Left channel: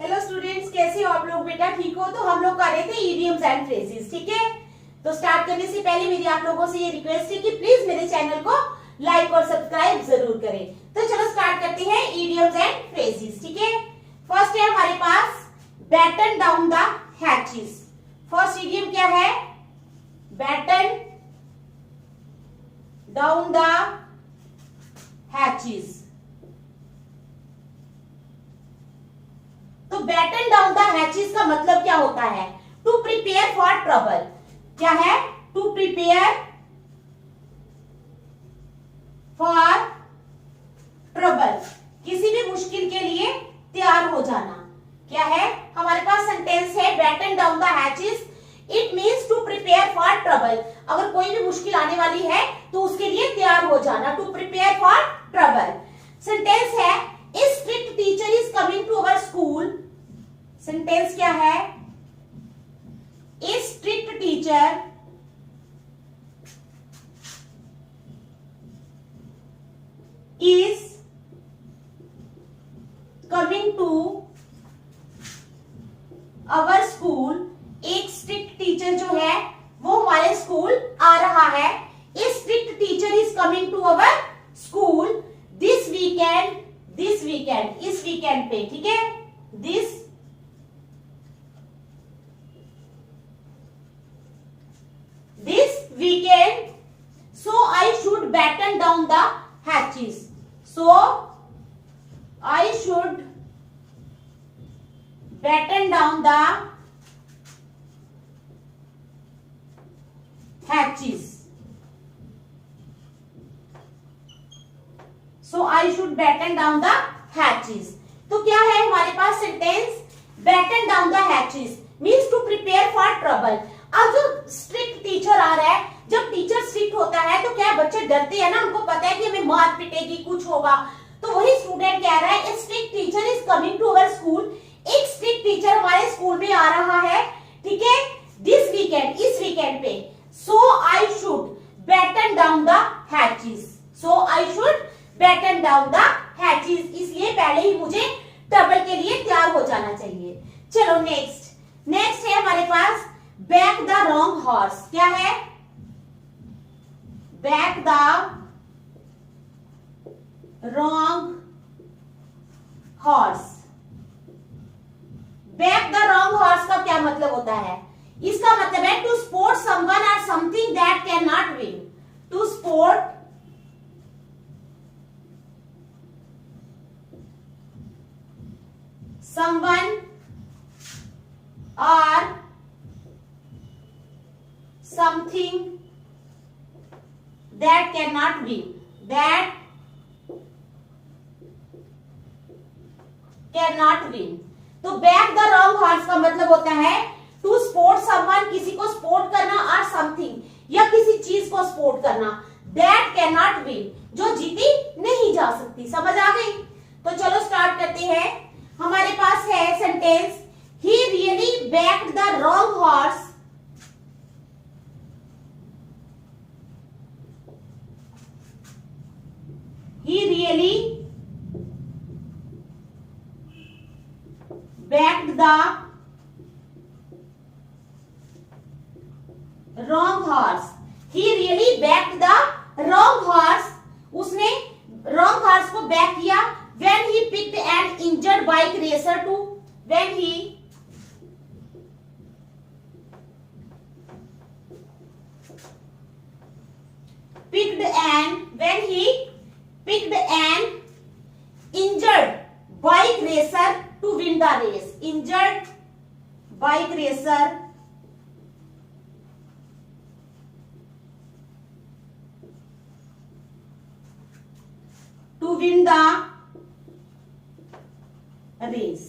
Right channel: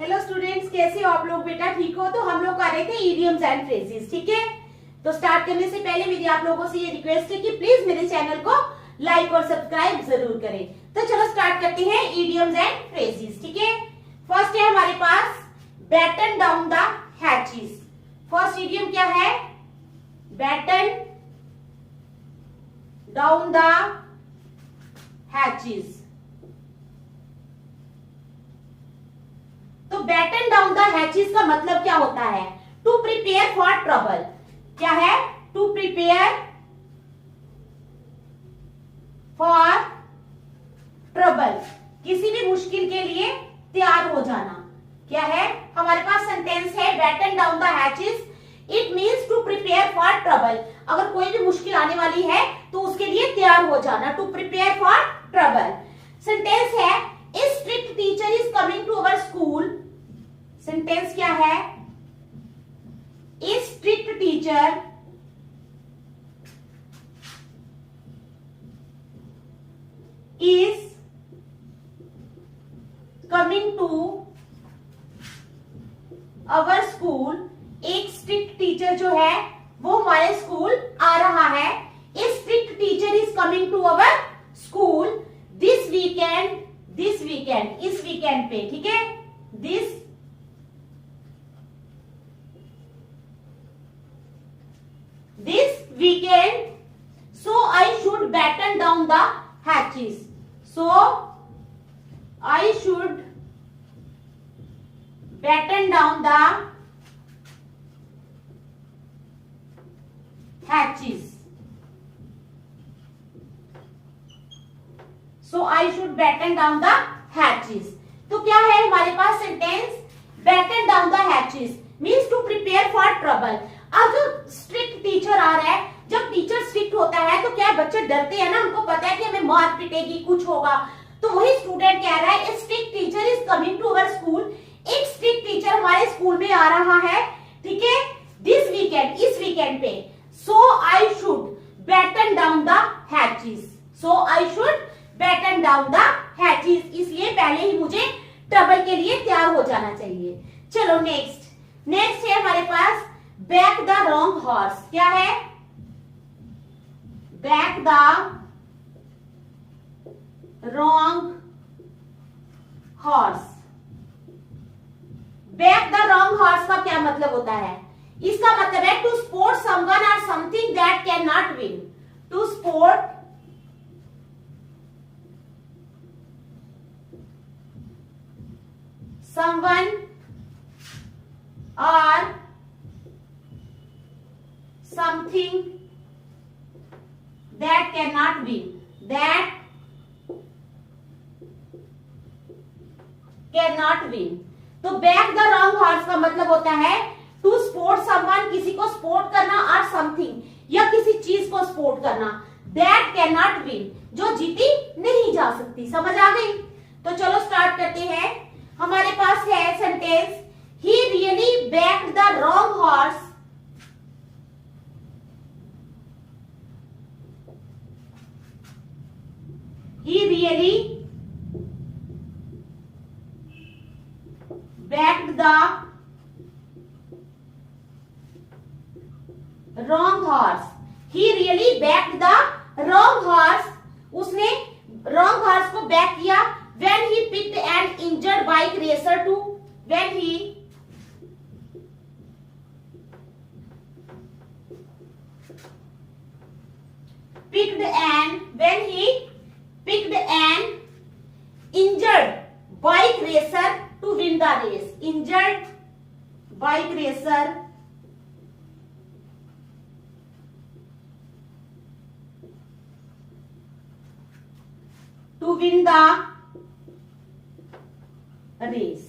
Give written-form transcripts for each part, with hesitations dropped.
Hello students, कैसे हो आप लोग? बेटा ठीक हो? तो हम लोग कर रहे थे इडियम्स एंड फ्रेजेस, ठीक है। तो स्टार्ट करने से पहले मेरी आप लोगों से ये रिक्वेस्ट है कि प्लीज मेरे चैनल को लाइक और सब्सक्राइब जरूर करें। तो चलो स्टार्ट करते हैं इडियम्स एंड फ्रेजेस, ठीक है। फर्स्ट है हमारे पास batten down the hatches. First idiom क्या है? Batten down the hatches. तो बैटन डाउन द हैचेस का मतलब क्या होता है? To prepare for trouble. क्या है? टू प्रिपेयर फॉर ट्रबल, किसी भी मुश्किल के लिए तैयार हो जाना। क्या है? हमारे पास सेंटेंस है batten down the hatches, it means to prepare for trouble. अगर कोई भी मुश्किल आने वाली है तो उसके लिए तैयार हो जाना, to prepare for trouble. Sentence है a strict teacher is coming to our school. Sentence क्या है? A strict teacher is coming to our school. एक स्ट्रिक्ट टीचर जो है वो हमारे स्कूल आ रहा है। A strict teacher is coming to our school this weekend. This weekend, इस वीकेंड पे, ठीक है। This weekend, so I should batten down the hatches. So I should batten down the hatches. So I should batten down the hatches. तो क्या है हमारे पास sentence? batten down the hatches means to prepare for trouble. अब जो strict teacher आ रहा है, जब टीचर स्ट्रिक्ट होता है तो क्या बच्चे डरते हैं ना, उनको पता है कि हमें मार पिटेगी, कुछ होगा। तो वही स्टूडेंट कह रहा है strict teacher is coming to our school. एक स्ट्रिक्ट टीचर हमारे स्कूल में आ रहा है, ठीक है, दिस वीकेंड, इस वीकेंड पे। So I should batten down the hatches. So I should batten down the hatches, इसलिए पहले ही मुझे ट्रबल के लिए तैयार हो जाना चाहिए। चलो नेक्स्ट है हमारे पास बैक द रॉन्ग हॉर्स। क्या है? Back the wrong horse. Back the wrong horse का क्या मतलब होता है? इसका मतलब है टू सपोर्ट समवन और something that can not win. To support someone और something that cannot win, that cannot win। तो बैक द रॉन्ग हॉर्स का मतलब होता है टू सपोर्ट समवन, किसी को सपोर्ट करना, और समथिंग या किसी चीज को सपोर्ट करना, दैट कैन नॉट विन, जो जीती नहीं जा सकती। समझ आ गई? तो चलो स्टार्ट करते हैं। हमारे पास है sentence he really backed the wrong horse. He really backed the wrong horse. He really backed the wrong horse. उसने wrong horse को बैक किया when he picked an injured bike racer to when he picked an injured bike racer to win the race. Injured bike racer to win the race.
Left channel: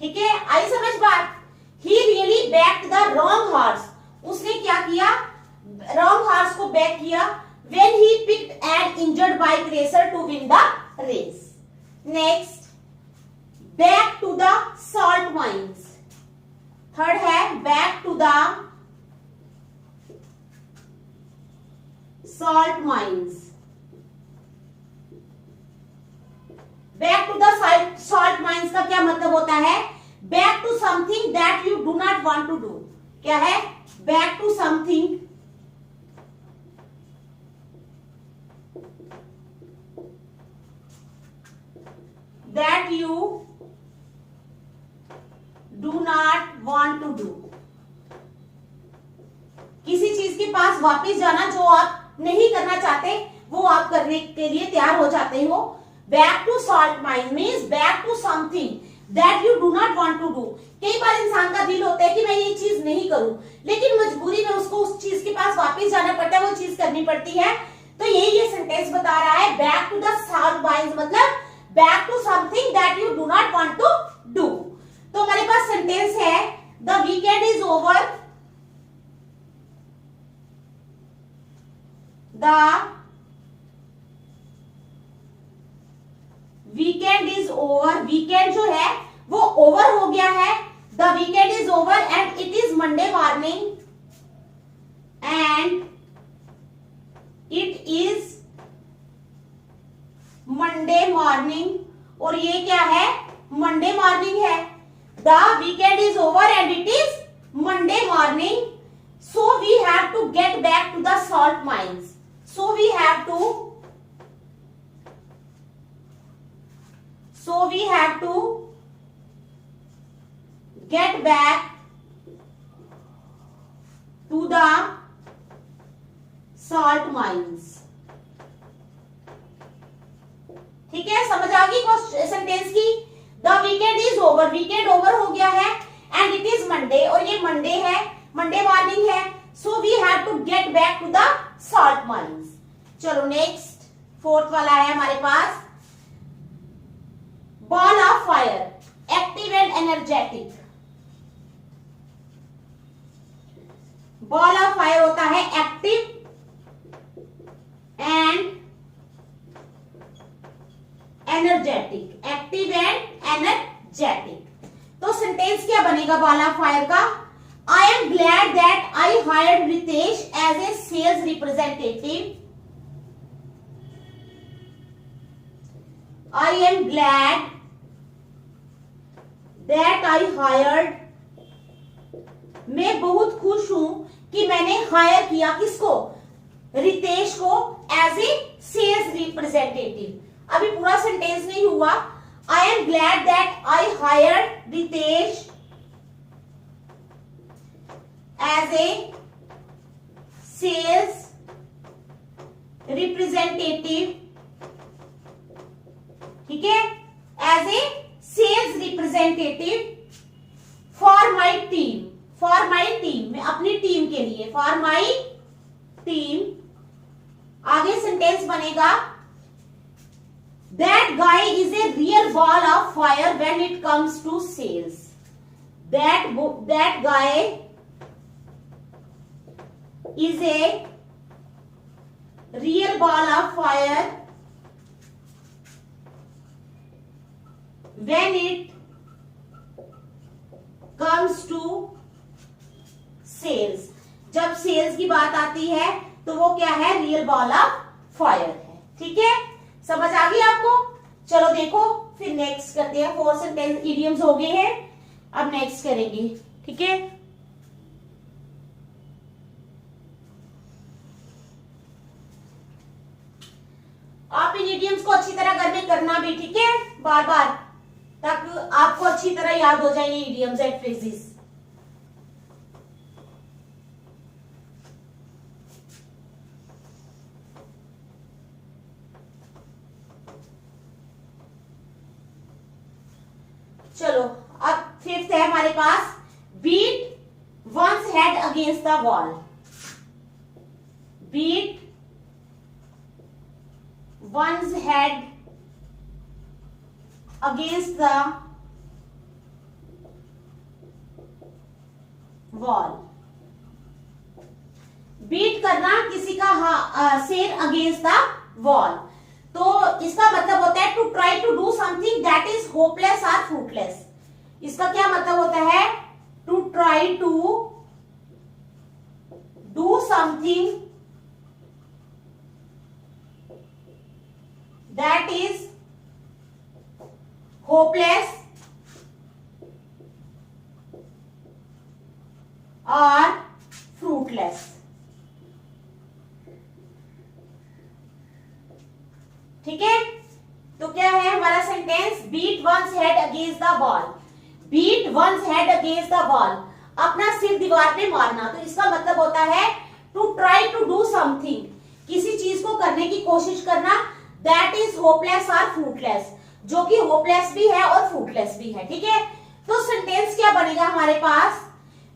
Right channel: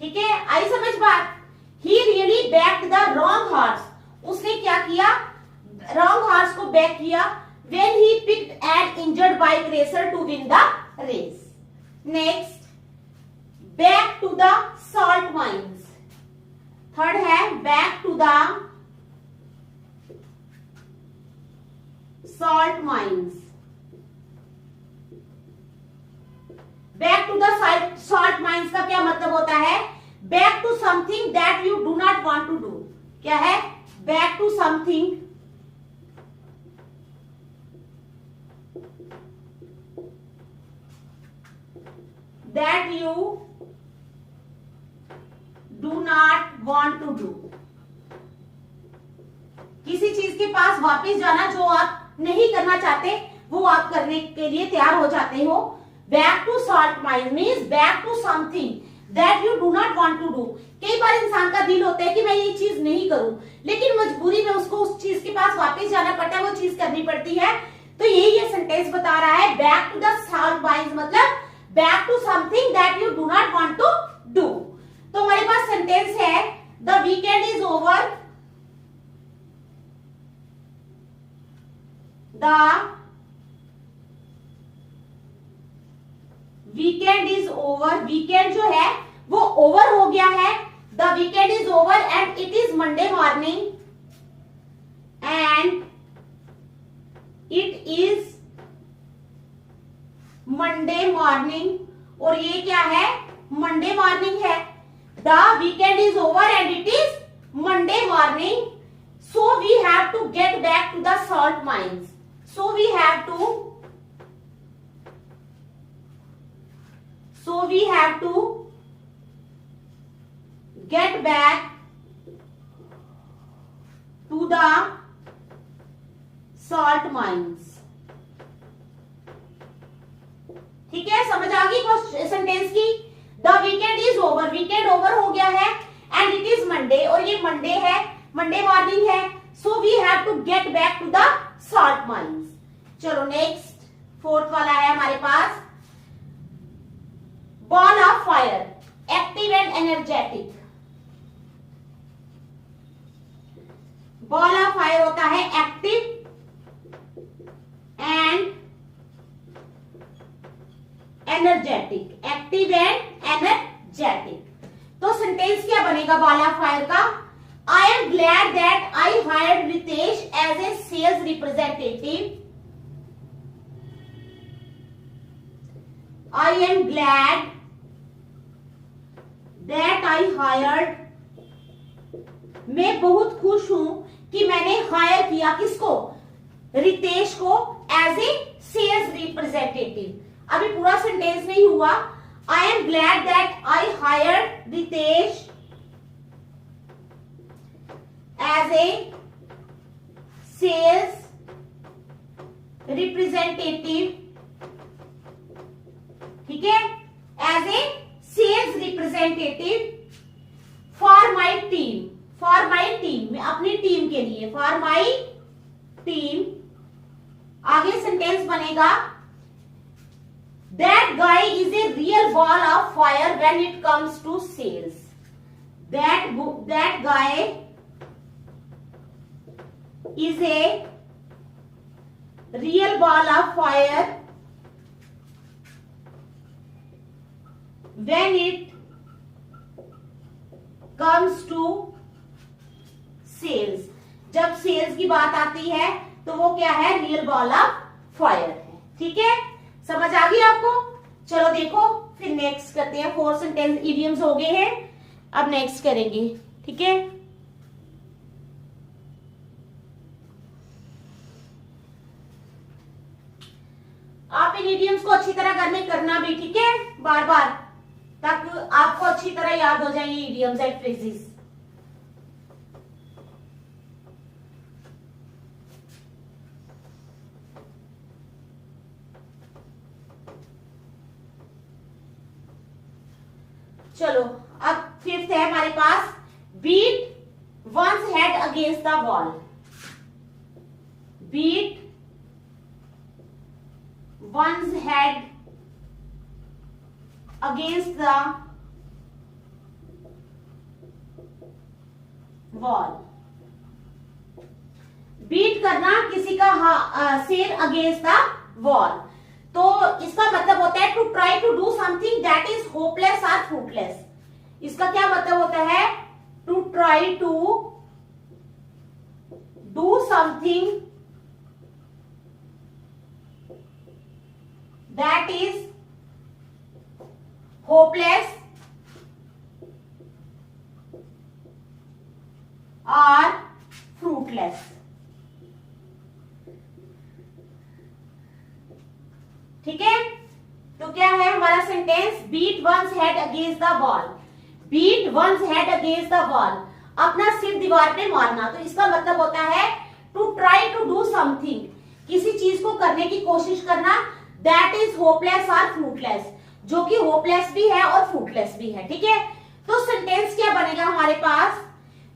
ठीक है, आई समझ बात? He really backed the wrong horse. उसने क्या किया? Wrong horse को back किया when he picked an injured bike racer to win the race. Next, back to the salt mines. Third है back to the salt mines. Back to the salt mines का क्या मतलब होता है? Back to something that you do not want to do. क्या है? Back to something that you do not want to do. किसी चीज के पास वापस जाना जो आप नहीं करना चाहते वो आप करने के लिए तैयार हो जाते हो। Back to salt mines means back to something that you do not want to do. कई बार इंसान का दिल होता है कि मैं ये चीज नहीं करूं, लेकिन मजबूरी में उसको उस चीज के पास वापस जाना पड़ता है, वो चीज करनी पड़ती है। तो ये सेंटेंस बता रहा है back to the salt mines मतलब back to something that you do not want to do. तो हमारे पास सेंटेंस है the weekend is over, the weekend is over. Weekend जो है वो ओवर हो गया है। The weekend is over and it is Monday morning and it is Monday morning. और ये क्या है? मंडे मॉर्निंग है। The weekend is over and it is Monday morning, so we have to get back to the salt mines. So we have to get back to the salt mines। ठीक है, समझ आ गई sentence की? The weekend is over, weekend over हो गया है and it is Monday, और ये मंडे है, मंडे मॉर्निंग है। So we have to get back to the salt mines. चलो नेक्स्ट फोर्थ वाला है हमारे पास ball of fire, active and energetic. Ball of fire होता है active and energetic, active and energetic. तो सेंटेंस क्या बनेगा बॉल ऑफ फायर का? I am glad that I hired Ritesh as a sales representative. I am glad that I hired, मैं बहुत खुश हूं कि मैंने हायर किया किसको? रितेश को एज ए सेल्स रिप्रेजेंटेटिव। अभी पूरा सेंटेंस नहीं हुआ। I am glad that I hired Ritesh as a sales representative, ठीक है, as a sales representative for my team. For my team, मैं अपनी टीम के लिए, फॉर माई टीम। आगे सेंटेंस बनेगा that guy is a real ball of fire when it comes to sales. That guy is a real ball of fire when it comes to sales। जब sales की बात आती है तो वो क्या है? रियल बॉल ऑफ फायर है। ठीक है, समझ आ गई आपको? चलो देखो फिर नेक्स्ट करते हैं। 4 सेंटेंस इडियम्स हो गए हैं, अब नेक्स्ट करेंगे। ठीक है, आप इन इडियम्स को अच्छी तरह घर में करना भी, ठीक है, बार बार, ताकि आपको अच्छी तरह याद हो जाए ये इडियम्स एंड फ्रेजेस। चलो अब फिफ्थ है हमारे पास beat one's head against the wall. Beat one's head against the wall। Beat करना किसी का सिर अगेंस्ट द वॉल। तो इसका मतलब होता है to try to do something that is hopeless और फ्रूटलेस। इसका क्या मतलब होता है? To try to do something that is hopeless और फ्रूटलेस। ठीक है, तो क्या है हमारा sentence, beat one's head against the wall. Beat one's head against the wall, अपना सिर दीवार पे मारना। तो इसका मतलब होता है to try to do something, किसी चीज को करने की कोशिश करना। दैट इज होपलेस और फ्रूटलेस, जो कि होपलेस भी है और फ्रूटलेस भी है। ठीक है, तो सेंटेंस क्या बनेगा हमारे पास,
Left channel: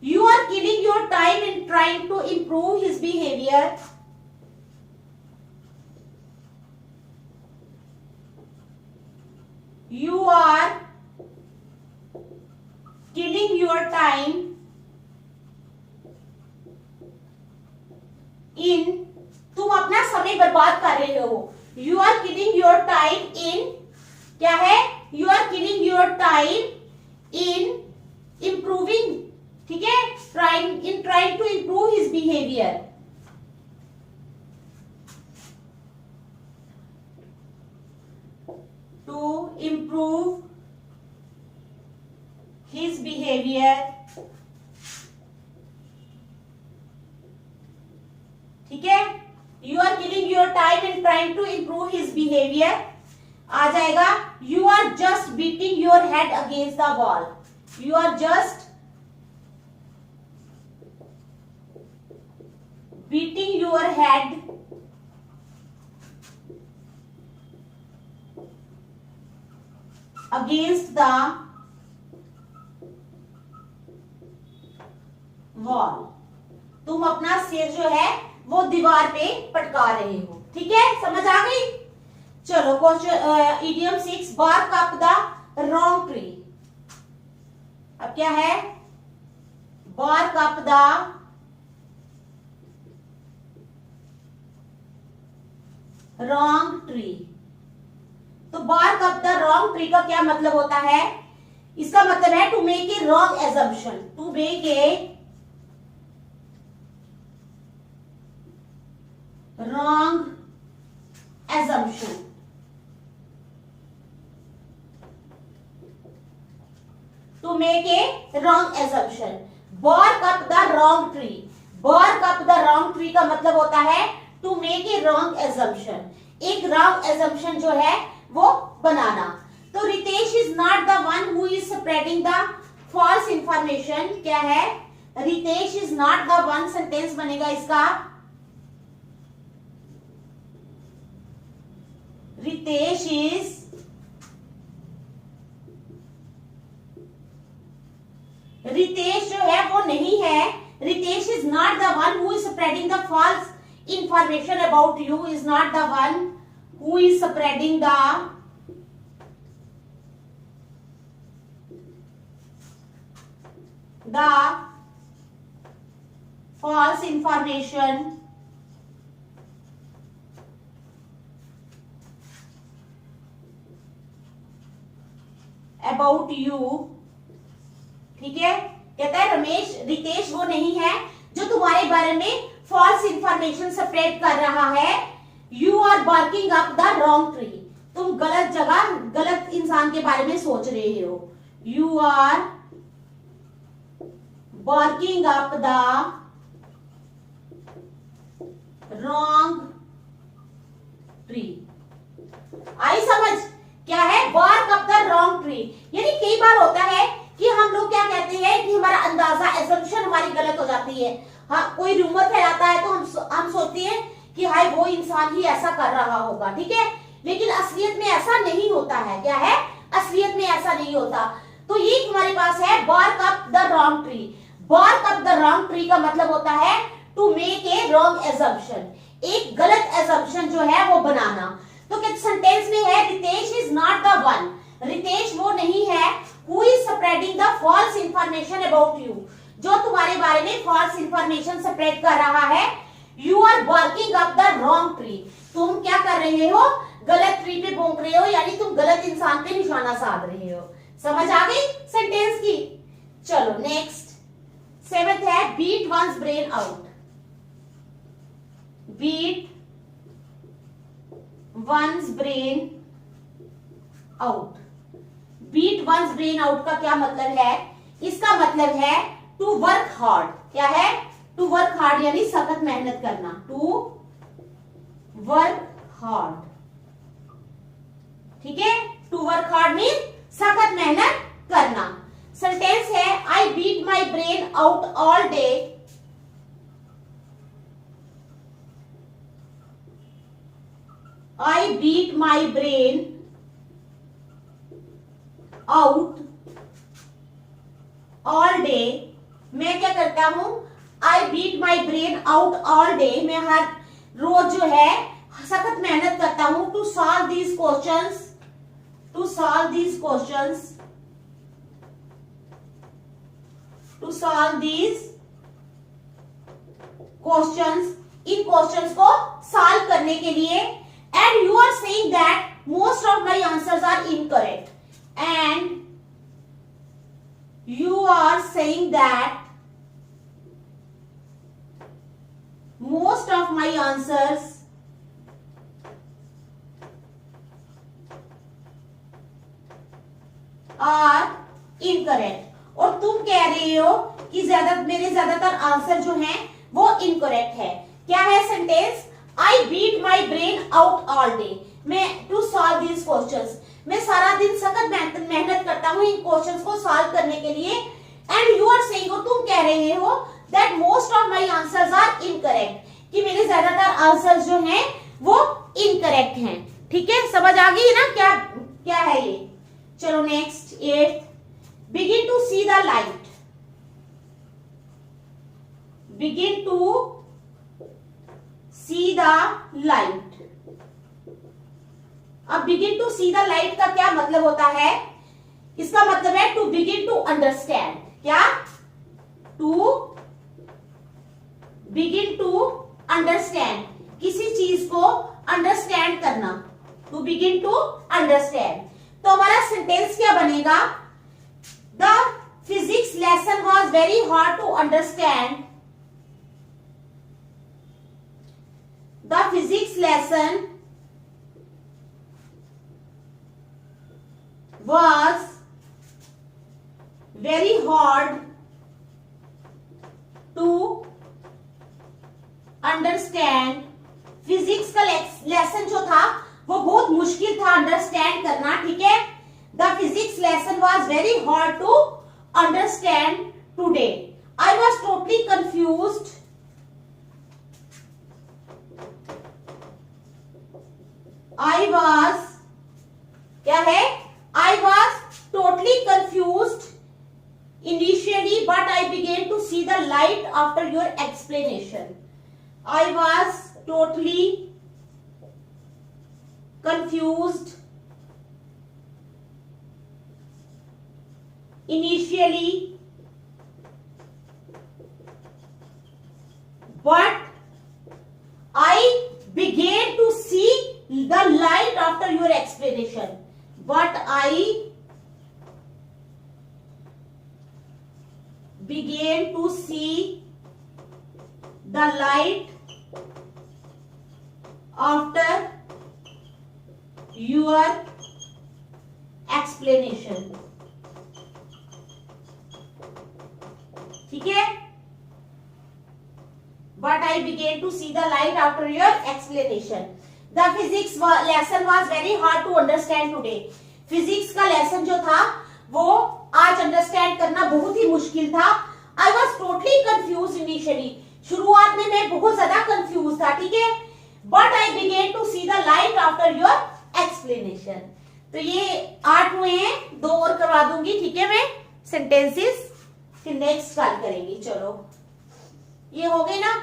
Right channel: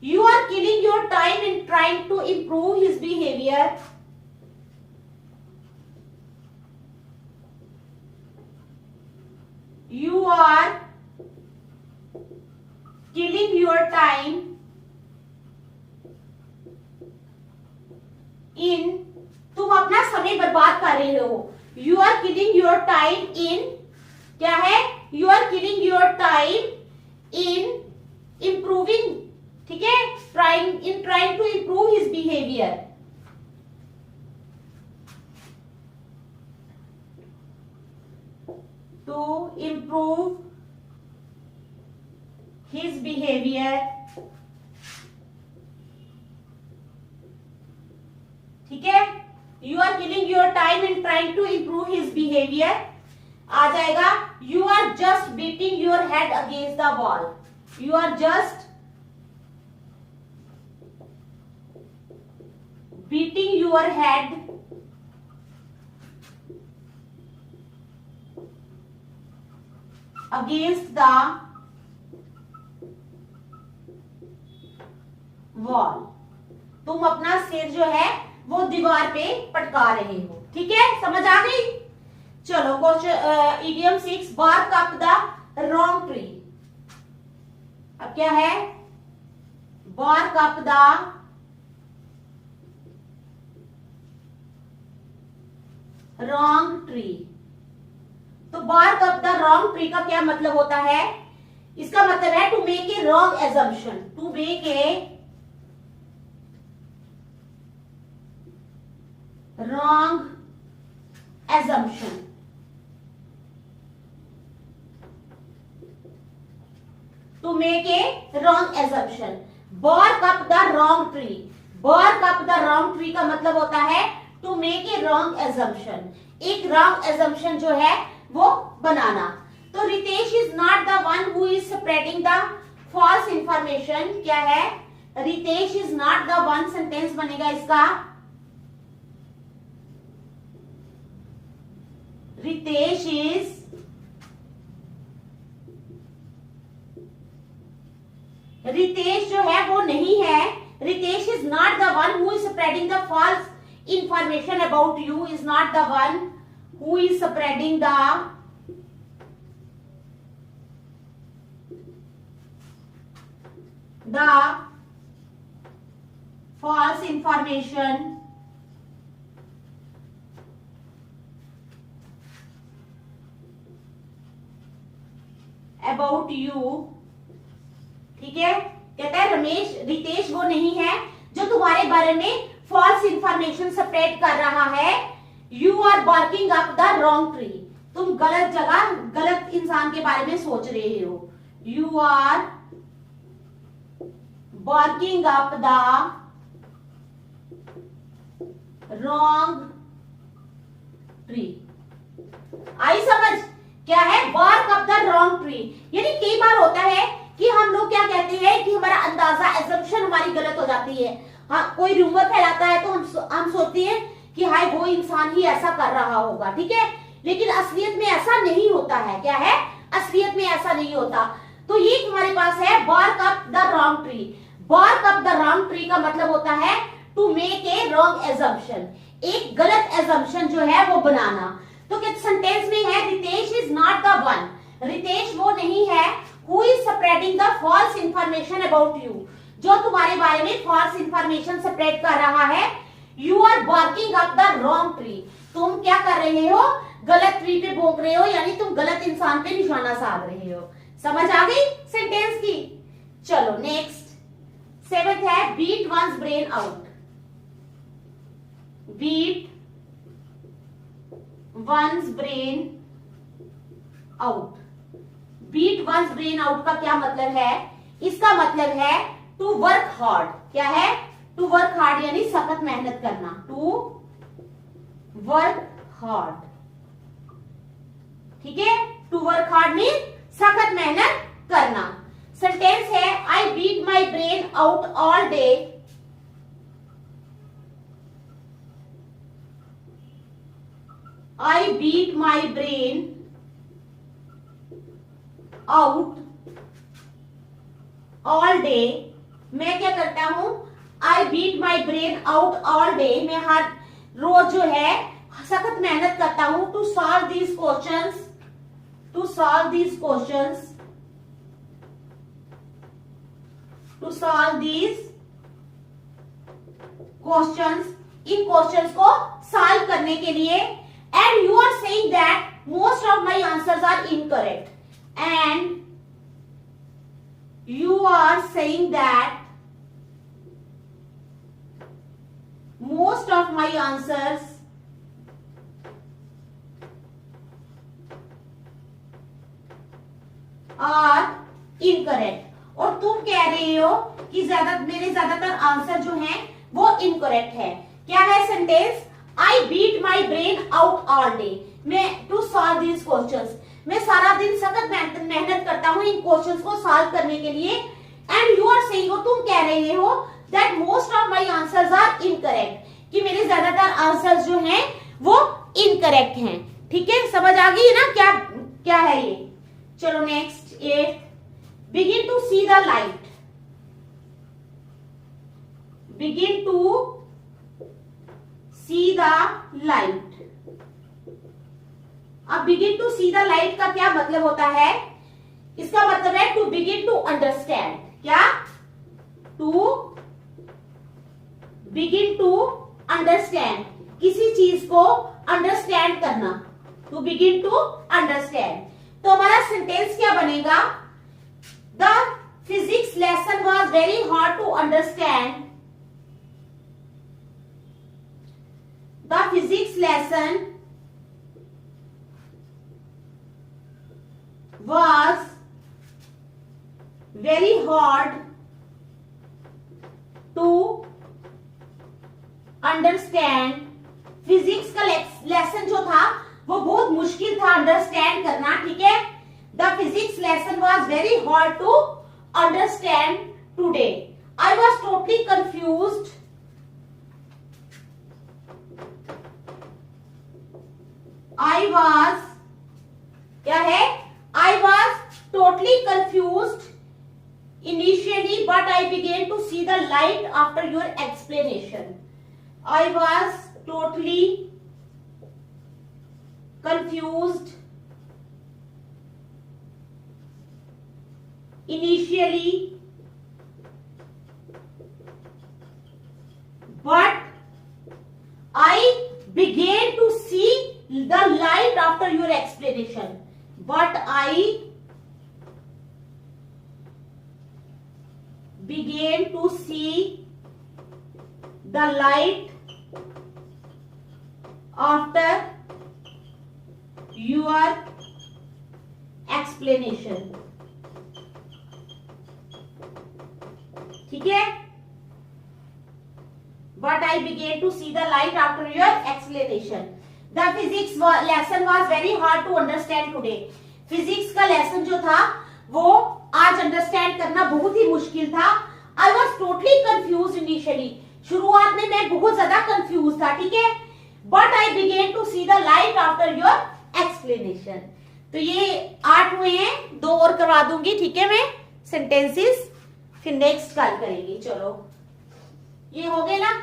you are killing your time in trying to improve his behaviour. You are killing your time in, तुम अपना समय बर्बाद कर रहे हो। You are killing your time in, क्या है, You are killing your time in improving, ठीक है, trying to improve his behavior। To improve his behavior। ठीक है, you are killing your time in trying to improve his behavior। आ जाएगा, you are just beating your head against the wall। You are just beating your head against the wall। तुम अपना सिर जो है वो दीवार पे पटका रहे हो। ठीक है, समझ आ गई। चलो question idiom 6, bark up the wrong tree. अब क्या है, bark up the wrong tree. तो bark up the wrong tree का क्या मतलब होता है, इसका मतलब है to make a wrong assumption. To make a wrong assumption. To make a wrong assumption, bark up the wrong tree. Bark up the wrong tree का मतलब होता है to make a wrong assumption, एक रॉन्ग एजम्पशन जो है वो बनाना। तो Ritesh is not the one who is spreading the false information. क्या है, Ritesh is not the one, sentence बनेगा इसका, रितेश इज रितेश जो है वो नहीं है, Ritesh is not the one who is spreading the false information about you, is not the one who is spreading the false information about you। ठीक है, कहता है रमेश, रितेश वो नहीं है जो तुम्हारे बारे में फॉल्स इंफॉर्मेशन स्प्रेड कर रहा है। You are barking up the wrong tree, तुम गलत जगह गलत इंसान के बारे में सोच रहे हो। You are barking up the wrong tree. I समझ, क्या है, bark up the wrong tree. यानी कई बार होता है कि हम लोग क्या कहते हैं कि हमारा अंदाजा, एजम्पशन हमारी गलत हो जाती है। हाँ, कोई रूमर फैलाता है तो हम सोचते हैं कि हाय वो इंसान ही ऐसा कर रहा होगा। ठीक है, लेकिन असलियत में ऐसा नहीं होता है। क्या है, असलियत में ऐसा नहीं होता। तो ये हमारे पास है bark up the wrong tree. Bark up the wrong tree का मतलब होता है to make a wrong assumption, एक गलत एजम्पशन जो है वो बनाना। तो सेंटेंस में है Ritesh is not the one, Ritesh वो नहीं है who is spreading the false information about you, जो तुम्हारे बारे में फॉल्स इंफॉर्मेशन स्प्रेड कर रहा है। You are barking up the wrong tree, तुम क्या कर रहे हो, गलत ट्री पे भौंक रहे हो, यानी तुम गलत इंसान पे निशाना साध रहे हो। समझ आ गई सेंटेंस की। चलो नेक्स्ट 7th है beat one's brain out. Beat one's brain out, beat one's brain out का क्या मतलब है? इसका मतलब है टू वर्क हार्ड। क्या है? टू वर्क हार्ड यानी सख्त मेहनत करना, टू वर्क हार्ड। ठीक है, टू वर्क हार्ड मीन सख्त मेहनत करना। सेंटेंस है I beat my brain out all day. I beat my brain out all day. मैं क्या करता हूं? I beat my brain out all day. मैं हर रोज जो है सख्त मेहनत करता हूं to solve these questions, to solve these questions, to solve these questions, इन क्वेश्चंस को सॉल्व करने के लिए। And you are saying that most of my answers are incorrect, and you are saying that most of my answers are incorrect, और तुम कह रहे हो कि मेरे ज्यादातर आंसर जो हैं वो इनकरेक्ट है। क्या है sentence? I beat my brain out all day, मैं टू सॉल्व दीज क्वेश्चंस, मैं सारा दिन सख्त मेहनत करता हूं इन क्वेश्चंस को सॉल्व करने के लिए। एंड यू आर सेइंग, तुम कह रहे हो that most of my answers are incorrect, कि मेरे ज्यादातर आंसर्स जो हैं वो इनकरेक्ट हैं। ठीक है, समझ आ गई ना क्या क्या है ये? चलो next 8, begin to see the light. Begin to see the light. अब begin to see the light का क्या मतलब होता है? इसका मतलब है टू बिगिन टू अंडरस्टैंड। क्या? टू बिगिन टू अंडरस्टैंड, किसी चीज को अंडरस्टैंड करना, टू बिगिन टू अंडरस्टैंड। तो हमारा सेंटेंस क्या बनेगा? The physics lesson was very hard to understand. The physics lesson was very hard to understand। Physics का लेसन जो था वो बहुत मुश्किल था अंडरस्टैंड करना। ठीक है, the physics lesson was very hard to understand today। I was totally confused। I was, क्या है? I was totally confused initially, but I began to see the light after your explanation। I was totally confused initially, but I began to see the light after your explanation। But I began to see the light after your explanation। ठीक है, but I began to see the light after your explanation। The physics lesson was very hard to understand today। Physics का lesson जो था वो आज understand करना बहुत ही मुश्किल था। I was totally confused initially। शुरुआत में मैं बहुत ज्यादा कंफ्यूज था। ठीक है, but I began to see the light after your explanation। तो ये 8 हुए हैं, 2 और करवा दूंगी। ठीक है, मैं सेंटेंसेस फिर नेक्स्ट कल करेंगी। चलो ये हो गए ना,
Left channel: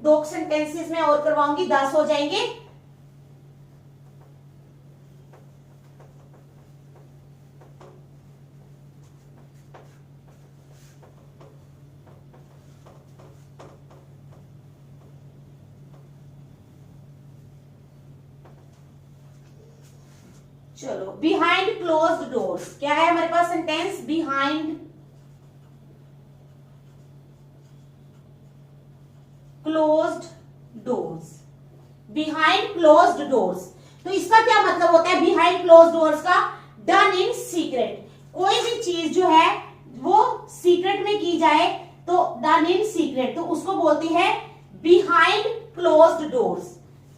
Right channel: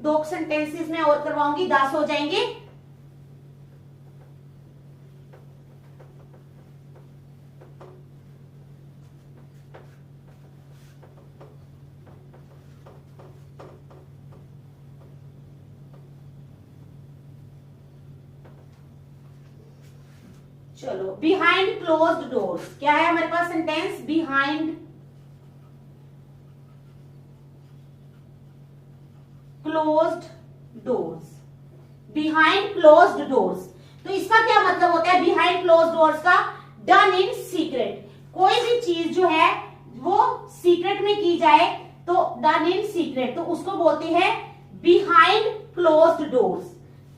2 सेंटेंसेस में और करवाऊंगी, 10 हो जाएंगे। चलो, बिहाइंड क्लोज्ड डोर्स। क्या है हमारे पास sentence? Behind closed doors. Behind closed doors, तो इसका क्या मतलब होता है? बिहाइंड क्लोज्ड डोर्स का डन इन सीक्रेट। कोई भी चीज जो है वो सीक्रेट में की जाए तो डन इन सीक्रेट, तो उसको बोलते हैं बिहाइंड क्लोज्ड डोर्स।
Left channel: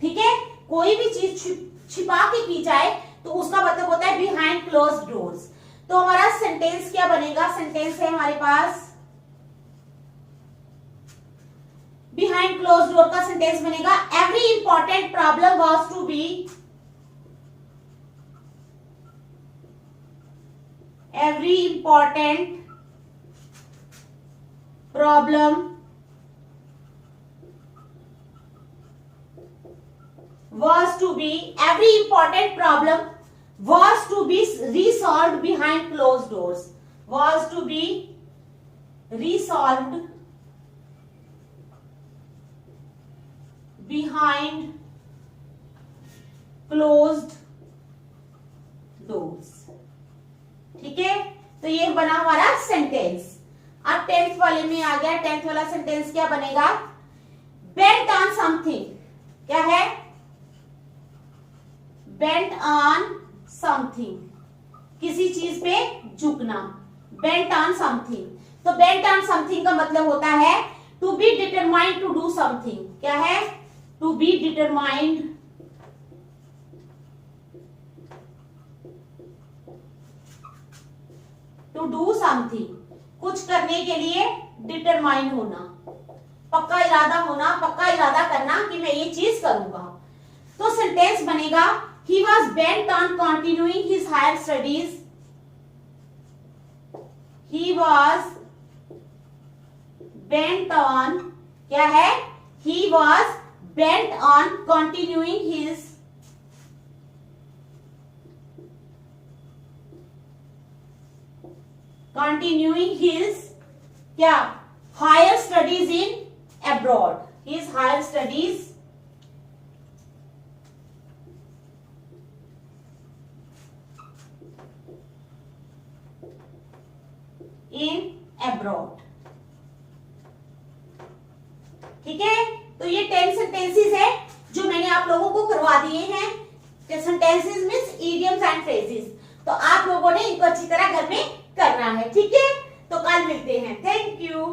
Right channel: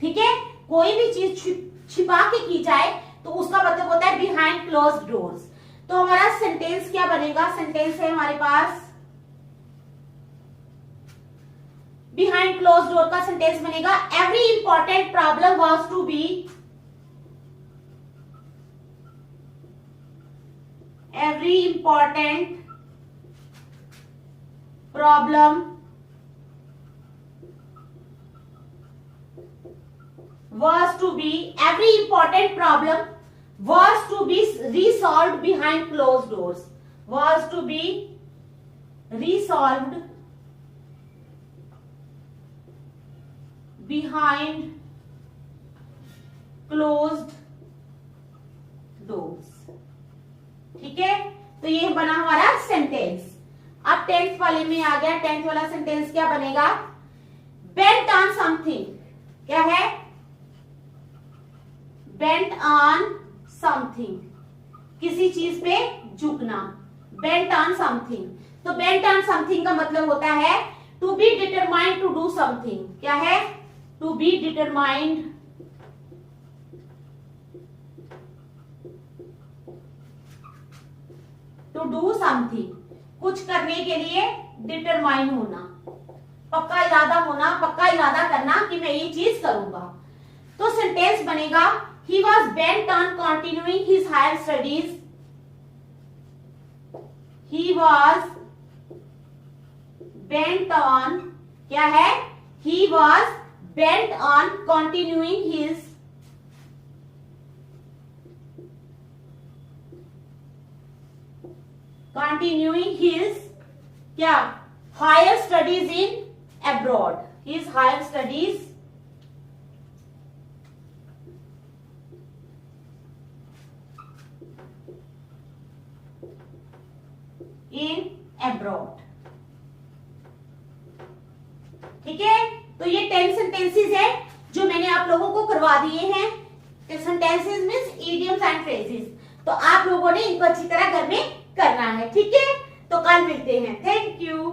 ठीक है, कोई भी चीज छिपा के की जाए तो उसका मतलब होता है बिहाइंड क्लोज्ड डोर्स। तो हमारा सेंटेंस क्या बनेगा? सेंटेंस है हमारे पास, बिहाइंड क्लोज्ड डोर का सेंटेंस बनेगा every important problem was to be, every important problem was to be resolved behind closed doors, was to be resolved behind closed doors। ठीक है, तो ये बना हमारा सेंटेंस। अब 10th वाले में आ गया। 10th वाला सेंटेंस क्या बनेगा? Bent on something. क्या है? बेंट ऑन समथिंग, किसी चीज पे झुकना। बेंट ऑन समथिंग, तो बेंट ऑन समथिंग का मतलब होता है to be determined to do something. क्या है? To be determined to do something, कुछ करने के लिए डिटरमाइन होना, पक्का इरादा होना, पक्का इरादा करना कि मैं ये चीज करूंगा। तो सेंटेंस बनेगा he was bent on continuing his higher studies, he was bent on, क्या है? He was bent on continuing his क्या? Higher studies in abroad, his higher studies in abroad. ठीक है, तो ये 10 सेंटेंसेस है जो मैंने आप लोगों को करवा दिए हैं। Sentences means idioms and phrases, तो आप लोगों ने इनको अच्छी तरह घर में करना है। ठीक है, तो कल मिलते हैं। Thank you.